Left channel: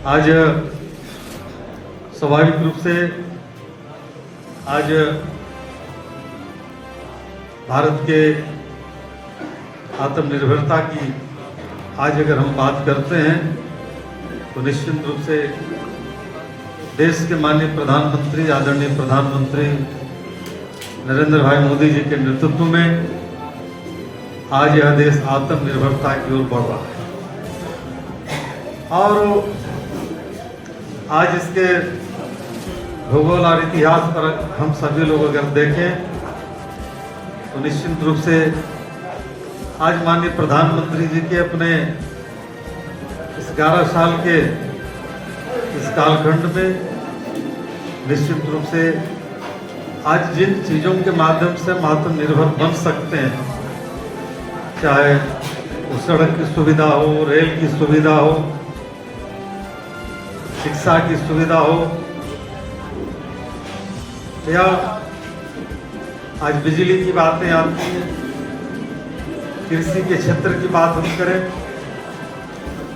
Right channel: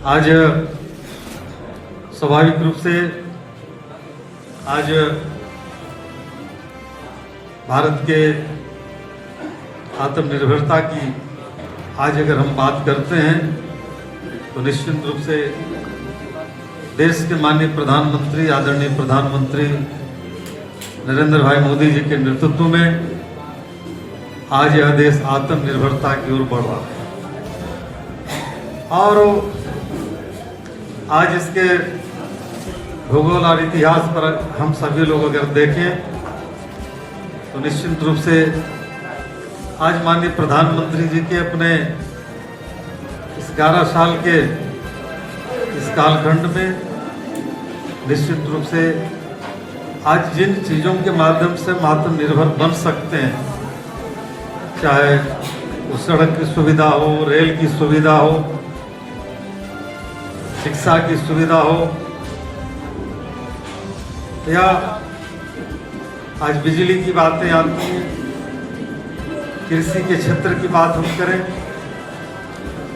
आज स्वाभाविक रूप से आज भारत के आत्मनिर्भरता की आज अगर हम बात करते हैं तो निश्चित रूप से देश के माननीय प्रधानमंत्री आदरणीय प्रधानमंत्री नरेंद्र भाई मोदी जी के नेतृत्व में आज यह देश आत्मनिर्भरता की ओर बढ़ रहा है। और आज इसके भूगोल और इतिहास पर हम सभी लोग अगर देखें तो निश्चित रूप से आज माननीय प्रधानमंत्री जी के अपने इस 11 साल के इस कालखंड में निश्चित रूप से आज जिन चीज़ों के माध्यम से हम आत्मनिर्भर बन सकते हैं, चाहे तो सड़क की सुविधा हो, रेल की सुविधा हो, शिक्षा की सुविधा हो, या आज बिजली की बातें आती हैं, कृषि के क्षेत्र की बात हम करें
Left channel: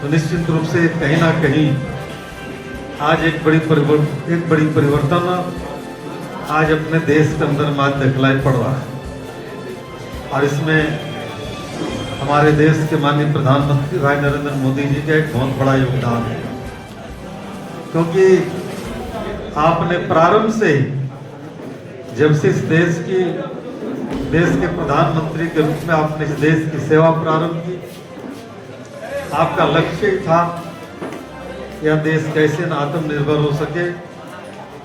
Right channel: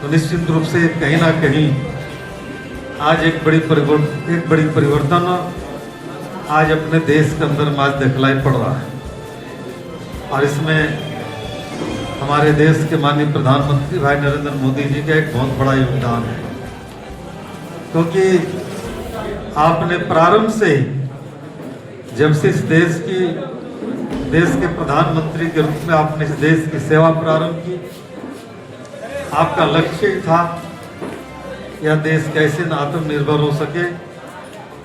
तो निश्चित रूप से कहीं ना कहीं आज एक बड़ी परिवर्तन आज अपने देश के अंदर आज दिखलाई पड़ रहा है। और इसमें हमारे देश के माननीय प्रधानमंत्री भाई नरेंद्र मोदी जी का एक बहुत बड़ा योगदान है, क्योंकि आपने प्रारंभ से ही जब से इस देश के प्रधानमंत्री के रूप में आपने इस देश की सेवा प्रारंभ की, आपका लक्ष्य ही था यह देश कैसे आत्मनिर्भर हो सके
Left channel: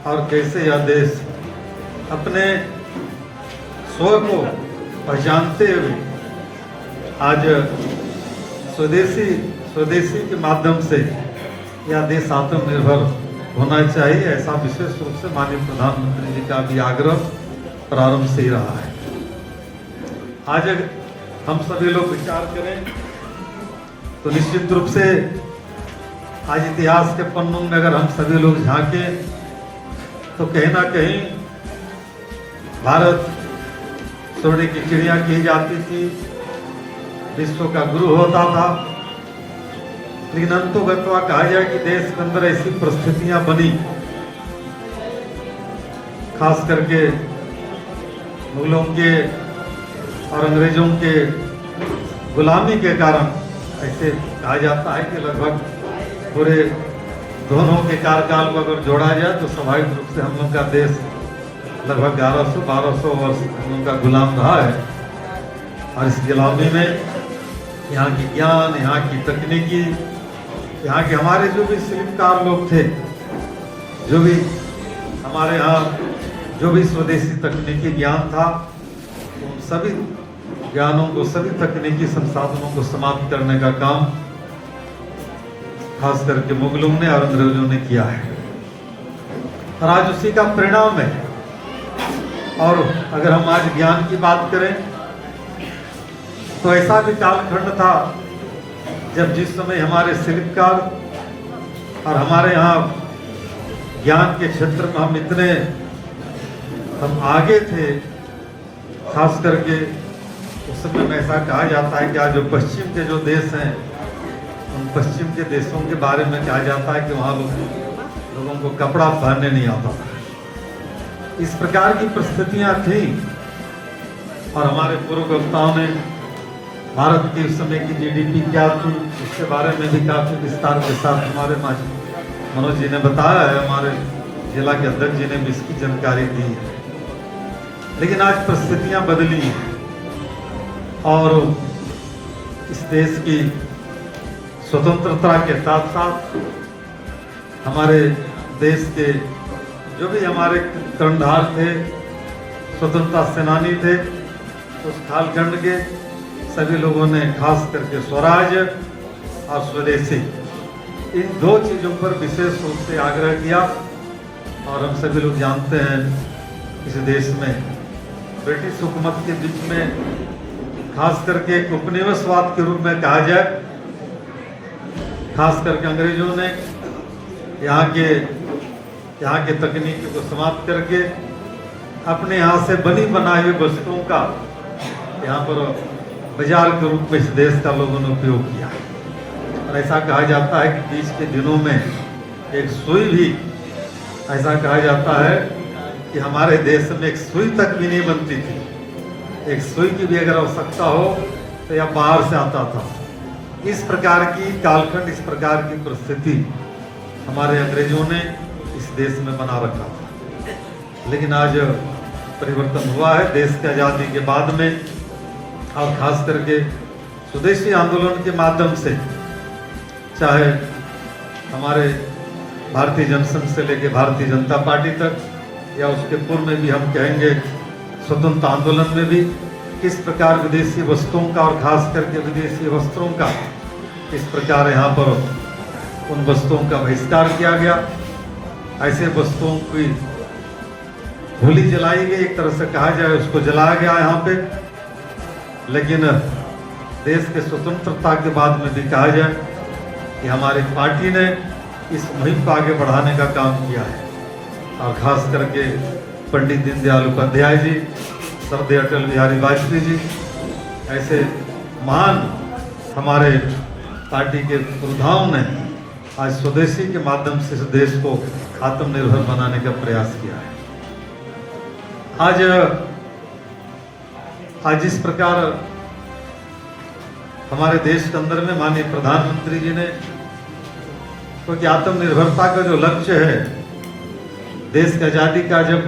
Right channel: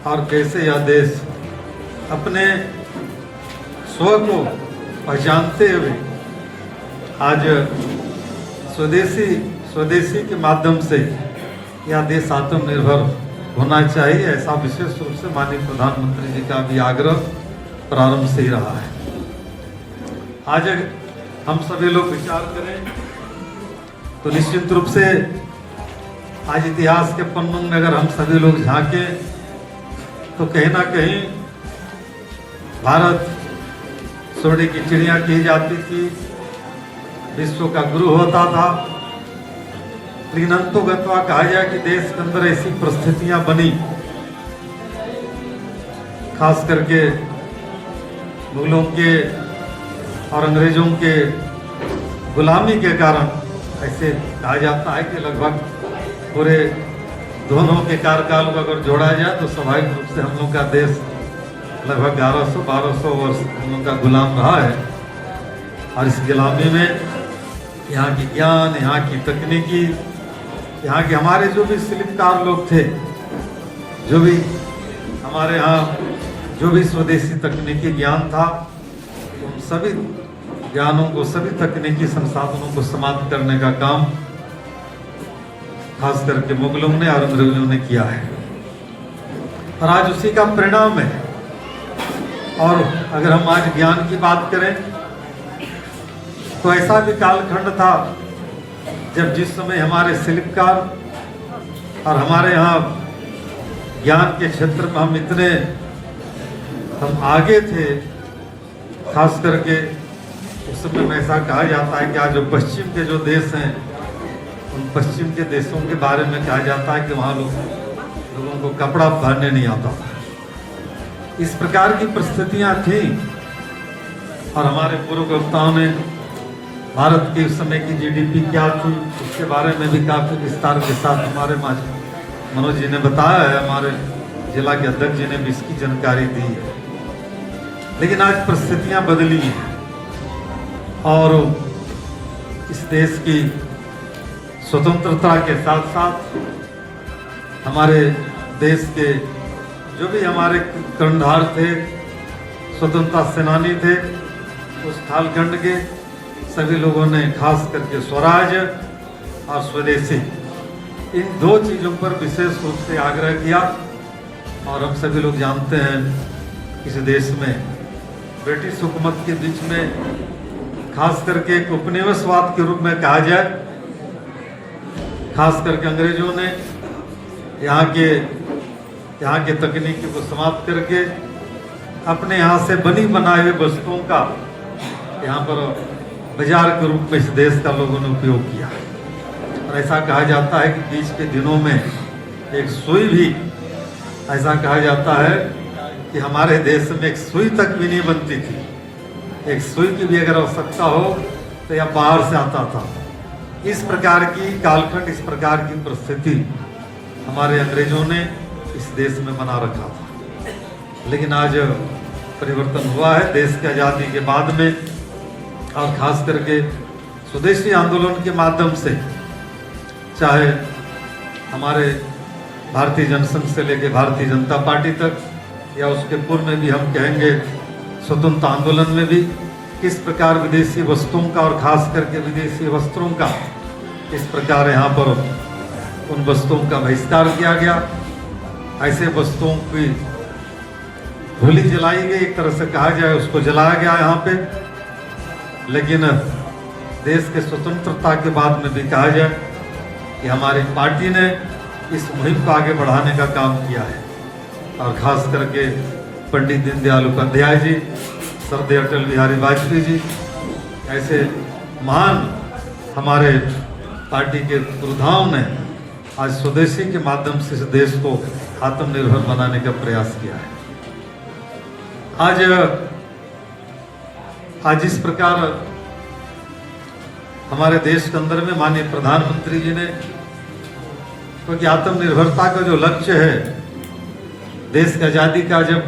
और कैसे यह देश अपने स्व को पहचानते हुए आज स्वदेशी के माध्यम से यह देश आत्मनिर्भर होना चाहिए, ऐसा विशेष रूप से माननीय प्रधानमंत्री जी का भी आग्रह प्रारंभ से ही रहा है। आज हम सभी लोग विचार करें तो निश्चित रूप से आज इतिहास के पन्नों में अगर हम सभी लोग झांके तो कहीं ना कहीं भारत सोने की चिड़िया की जाती थी, विश्व का गुरु होता था, लेकिन अंतोगत्वा कहा जाए कि देश के अंदर ऐसी परिस्थितियां बनी, खास करके मुगलों के और अंग्रेजों के गुलामी के कारण ऐसे कहा जाता है कि लगभग पूरे दोनों के कार्यकाल को अगर जोड़ा जाए तो स्वाभाविक रूप से हम लोग का देश लगभग 1100-1200 वर्ष हम लोग का गुलाम रहा है। और इस गुलामी में यहाँ की ज्ञान, यहाँ की तकनीकी, यहाँ के हमारे जो भी शिल्पकार लोग थे, जो भी हमारे यहाँ जो भी स्वदेशी तकनीकी ज्ञान था, उन सभी ज्ञानों को, सभी तकनीकी संसाधनों को समाप्त करने का काम खास करके मुगलों ने और अंग्रेजों ने किया है। और आज उसी का परिणाम है। और अगर हम आज ज्ञान की बात करें तो ऐसा भी कालखंड था जब जिस समय हमारे शिल्पकार और हमारे यहाँ ज्ञान के क्षेत्र में हम आगे थे, खास करके उस समय में ऐसा कहा जाता है कि आज जो पश्चिम के जो देश हैं, उन पश्चिम के देशों के बारे में कहा जाता है कि वहाँ लोगों को कपड़ा पहनने नहीं आता था। इस प्रकार की परिस्थितियाँ थी। और हमारे पूर्व वक्ताओं ने भारत की उस समय की जीडीपी क्या थी इसके बारे में भी काफी विस्तार के साथ हमारे मनोज जी ने बताया है, हमारे जिला के अध्यक्ष जी ने भी इसकी जानकारी दी है। लेकिन आज परिस्थितियां बदली हैं और इस देश की स्वतंत्रता के साथ साथ हमारे देश के जो भी हमारे कर्णधार थे, स्वतंत्रता सेनानी थे, उस कालखंड के सभी लोगों ने खास करके स्वराज और स्वदेशी इन दो चीजों पर विशेष रूप से आग्रह किया। और हम सभी लोग जानते हैं इस देश में ब्रिटिश हुकूमत के बीच में खास करके एक उपनिवेशवाद के रूप में कहा जाए, खास करके अंग्रेजों ने यहाँ के तकनीकी को समाप्त करके अपने यहाँ से बनी बनाई वस्तुओं का यहाँ पर बाजार के रूप में इस देश का लोगों ने उपयोग किया है। ऐसा कहा जाता है कि बीच के दिनों में एक सुई भी, ऐसा कहा जाता है कि हमारे देश में एक सुई तक भी नहीं बनती थी। एक सुई की भी अगर आवश्यकता हो तो यह बाहर से आता था। इस प्रकार की कालखंड, इस प्रकार की परिस्थिति हमारे अंग्रेजों ने इस देश में बना रखा था। लेकिन आज परिवर्तन हुआ है देश की आज़ादी के बाद में, और खास करके स्वदेशी आंदोलन के माध्यम से, चाहे हमारे भारतीय जनसंघ से लेकर भारतीय जनता पार्टी तक, या उसके पूर्व में भी हम कहेंगे स्वतंत्र आंदोलन में भी, किस प्रकार विदेशी वस्तुओं का और खास करके विदेशी वस्त्रों का किस प्रकार यहाँ पर उन वस्तुओं का बहिष्कार किया गया। ऐसे वस्तुओं की होली जलाई गई, एक तरह से कहा जाए उसको जलाया गया यहाँ पे। लेकिन देश के स्वतंत्रता के बाद में भी कहा जाए कि हमारी पार्टी ने इस मुहिम को आगे बढ़ाने का काम किया है, और खास करके पंडित दीनदयाल उपाध्याय जी, सरदार अटल बिहारी वाजपेयी जी, ऐसे महान हमारे पार्टी के योद्धाओं ने आज स्वदेशी के माध्यम से इस देश को आत्मनिर्भर बनाने का प्रयास किया है। आज इस प्रकार हमारे देश के अंदर में माननीय प्रधानमंत्री जी ने, क्योंकि आत्मनिर्भरता का जो लक्ष्य है, देश की आज़ादी का जब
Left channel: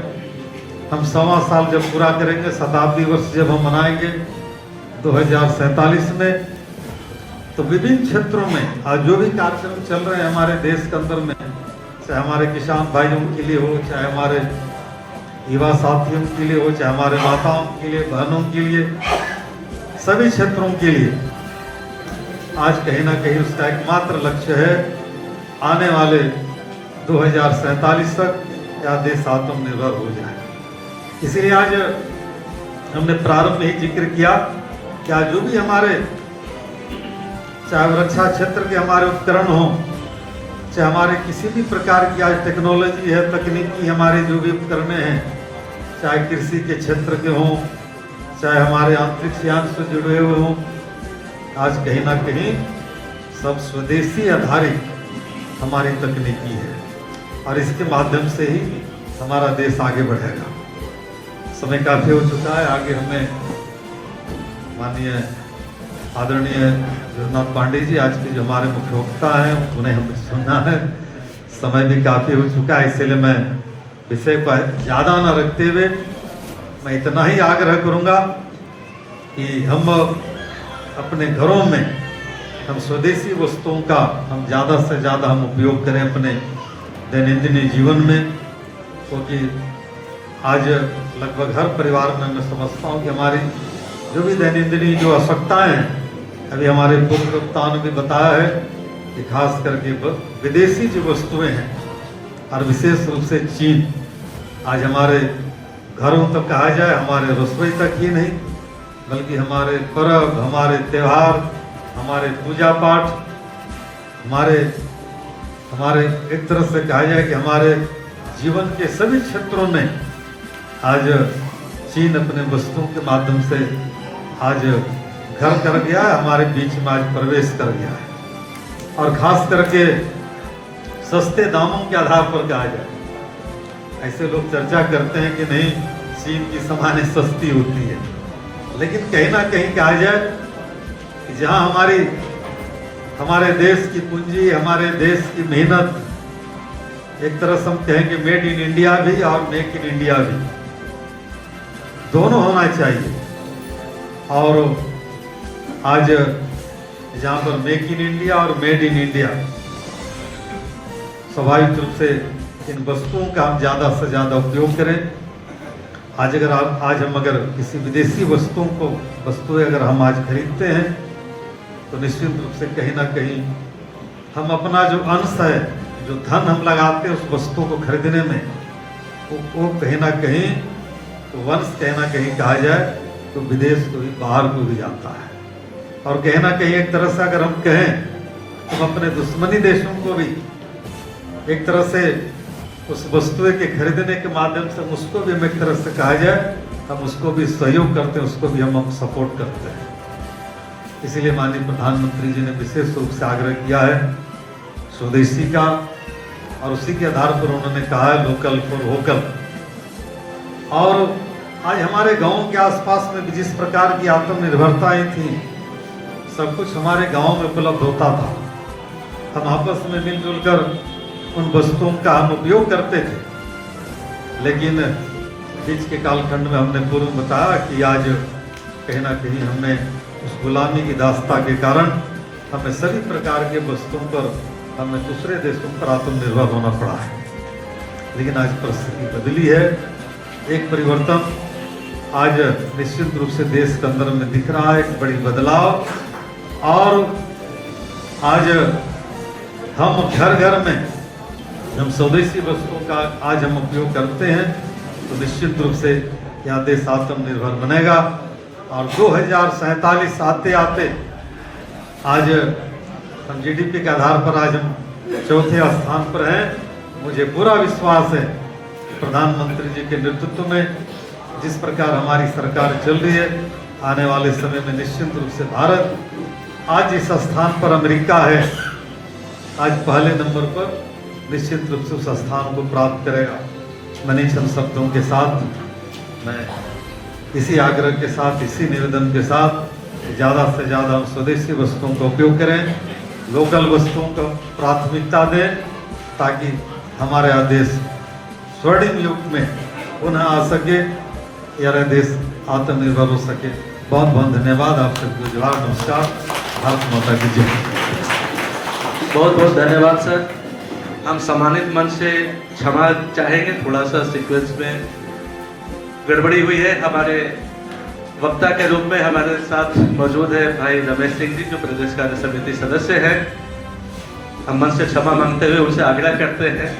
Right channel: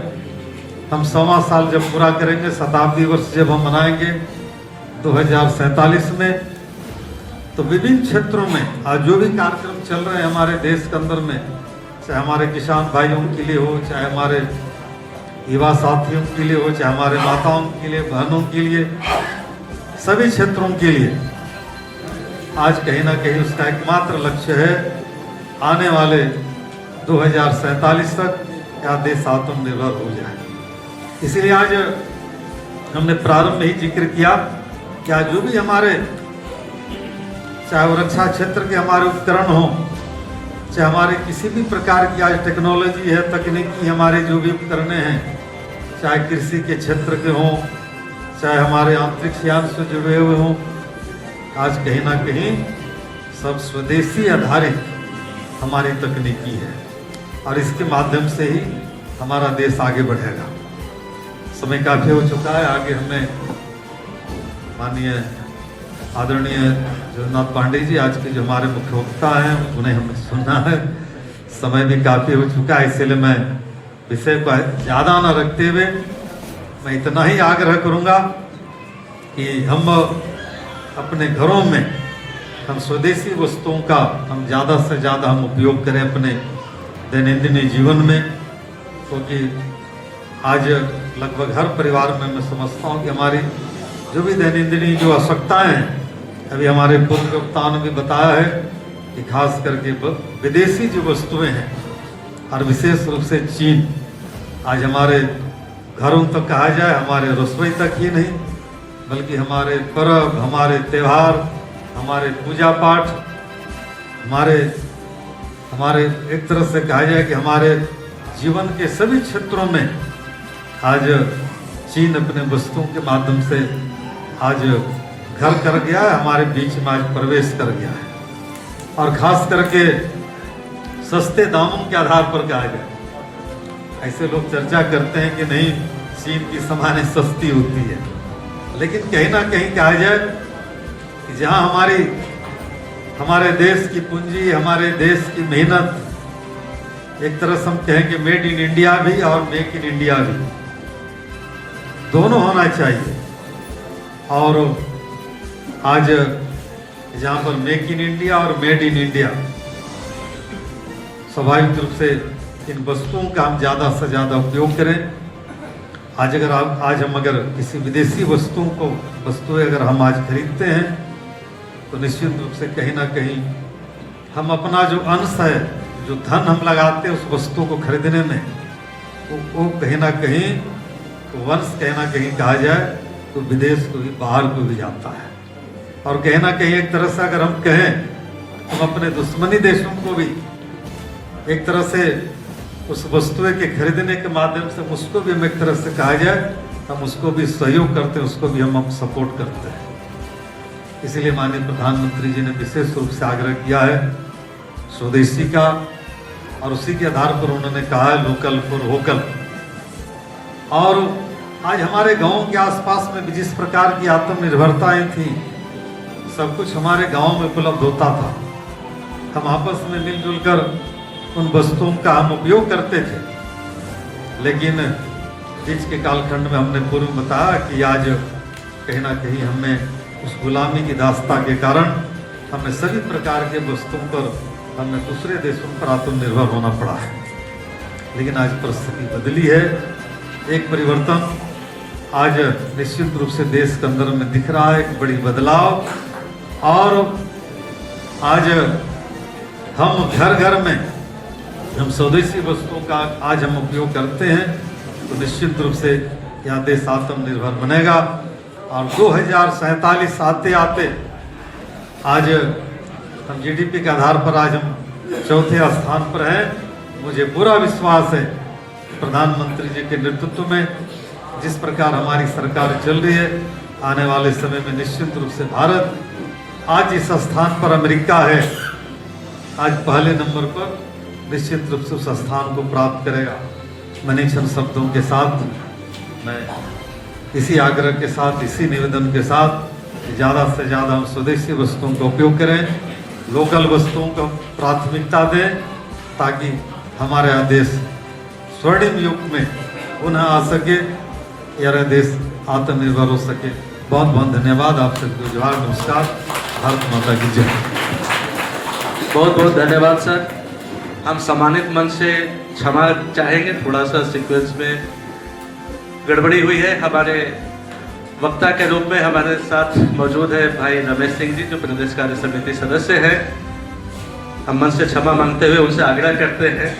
हम 100वां साल जब पूरा करेंगे, शताब्दी वर्ष जब हम मनाएंगे 2047 में, तो विभिन्न क्षेत्रों में आज जो भी कार्यक्रम चल रहे हैं हमारे देश के अंदर में, चाहे हमारे किसान भाइयों के लिए हो, चाहे हमारे युवा साथियों के लिए हो, चाहे हमारे माताओं के लिए, बहनों के लिए, सभी क्षेत्रों के लिए आज कहीं ना कहीं उसका एकमात्र लक्ष्य है आने वाले 2047 तक या देश आत्मनिर्भर हो जाए। इसीलिए आज हमने प्रारंभ में ही जिक्र किया कि आज जो भी हमारे, चाहे वो रक्षा क्षेत्र के हमारे उपकरण हो, चाहे हमारे किसी भी प्रकार की आज टेक्नोलॉजी है, तकनीकी हमारे जो भी उपकरण हैं, चाहे कृषि के क्षेत्र के हों, चाहे हमारे अंतरिक्ष यान से जुड़े हुए हों, आज कहीं ना कहीं सब स्वदेशी आधारित हमारी तकनीकी है, और इसके माध्यम से ही हमारा देश आगे बढ़ेगा। समय काफी हो चुका है, आगे हमें माननीय आदरणीय जगन्नाथ पांडे जी, आज के जो हमारे मुख्य वक्ता हैं, उन्हें हमें सुनना है। समय भी काफी हो चुका है, इसलिए मैं विषय को ज्यादा न रखते हुए मैं इतना ही आग्रह करूंगा कि हम अपने घरों में हम स्वदेशी वस्तुओं का हम ज़्यादा से ज़्यादा हम उपयोग करें अपने दैनंदिन जीवन में, क्योंकि आज लगभग हर परिवार में मैं समझता हूँ कि हमारी जो भी दैनंदिन जो आवश्यकताएं हैं, अभी हमारे पूर्व वक्ताओं ने भी बताया है कि खास करके विदेशी जो वस्तुएं हैं, और विशेष रूप से चीन, आज हमारे घरों तक कहा जाए, हमारे रसोई तक ही नहीं बल्कि हमारे पर्व, हमारे त्यौहार, हमारे पूजा पाठ, हमारे एक तरह से कहा जाए कि हमारे जीवन के सभी क्षेत्रों में आज चीन अपने वस्तुओं के माध्यम से आज घर कर गया है, हमारे बीच में आज प्रवेश कर गया है। और खास करके सस्ते दामों के आधार पर कहा जाए, ऐसे लोग चर्चा करते हैं कि नहीं चीन की सामानें सस्ती होती है, लेकिन कहीं ना कहीं कहा जाए कि जहां हमारे देश की पूंजी, हमारे देश की मेहनत, एक तरह से हम कहेंगे मेड इन इंडिया भी और मेक इन इंडिया भी, दोनों होना चाहिए। और आज जहां पर मेक इन इंडिया और मेड इन इंडिया, स्वाभाविक रूप से इन वस्तुओं का हम ज़्यादा से ज़्यादा उपयोग करें। आज हम अगर किसी विदेशी वस्तुएं अगर हम आज खरीदते हैं, तो निश्चित रूप से कहीं ना कहीं हम अपना जो अंश है, जो धन हम लगाते हैं उस वस्तु को खरीदने में, वो कहीं ना कहीं वंश कहीं ना कहीं कहा जाए तो विदेश को भी, बाहर को भी जाता है। और कहीं ना कहीं एक तरह से अगर हम कहें तो अपने दुश्मनी देशों को भी एक तरह से उस वस्तुएं के खरीदने के माध्यम से उसको भी हम एक तरह से कहा जाए हम उसको भी सहयोग करते हैं, उसको भी हम सपोर्ट करते हैं। इसीलिए माननीय प्रधानमंत्री जी ने विशेष रूप से आग्रह किया है स्वदेशी का, और उसी के आधार पर उन्होंने कहा है लोकल फॉर वोकल। और आज हमारे गांव के आसपास में भी जिस प्रकार की आत्मनिर्भरताएं थी, सब कुछ हमारे गांव में उपलब्ध होता था। हम आपस में मिलजुल कर उन वस्तुओं का हम उपयोग करते थे, लेकिन बीच के कालखंड में हमने पूर्व बताया कि आज कहीं ना कहीं हमें उस गुलामी की दास्ता के कारण हमें सभी प्रकार के वस्तुओं पर हमें दूसरे देशों पर आत्मनिर्भर होना पड़ा है। लेकिन आज परिस्थिति बदली है, एक परिवर्तन आज निश्चित रूप से देश के अंदर में दिख रहा है, एक बड़ी बदलाव। और आज हम घर घर में हम स्वदेशी वस्तुओं का आज हम उपयोग करते हैं, तो निश्चित रूप से यह देश आत्मनिर्भर बनेगा। और 2047 आते आते आज हम जीडीपी के आधार पर आज हम चौथे स्थान पर हैं। मुझे पूरा विश्वास है प्रधानमंत्री जी के नेतृत्व में जिस प्रकार हमारी सरकार चल रही है, आने वाले समय में निश्चित रूप से भारत आज इस स्थान पर अमेरिका है, आज पहले नंबर पर निश्चित रूप से उस स्थान को प्राप्त करेगा। मैंने चंद शब्दों के साथ मैं इसी आग्रह के साथ, इसी निवेदन के साथ ज़्यादा से ज़्यादा हम स्वदेशी वस्तुओं का उपयोग करें, लोकल वस्तुओं को प्राथमिकता दें, ताकि हमारा यह देश स्वर्णिम युग में पुनः आ सके, यह देश आत्मनिर्भर हो सके। बहुत बहुत धन्यवाद। आप सबको जोहार, नमस्कार, भारत माता की जय। बहुत बहुत धन्यवाद सर। हम सम्मानित मंच से क्षमा चाहेंगे, थोड़ा सा सीक्वेंस में गड़बड़ी हुई है। हमारे वक्ता के रूप में हमारे साथ मौजूद है भाई रमेश सिंह जी, जो प्रदेश कार्य समिति सदस्य हैं। हम मंच से क्षमा मांगते हुए उनसे आग्रह करते हैं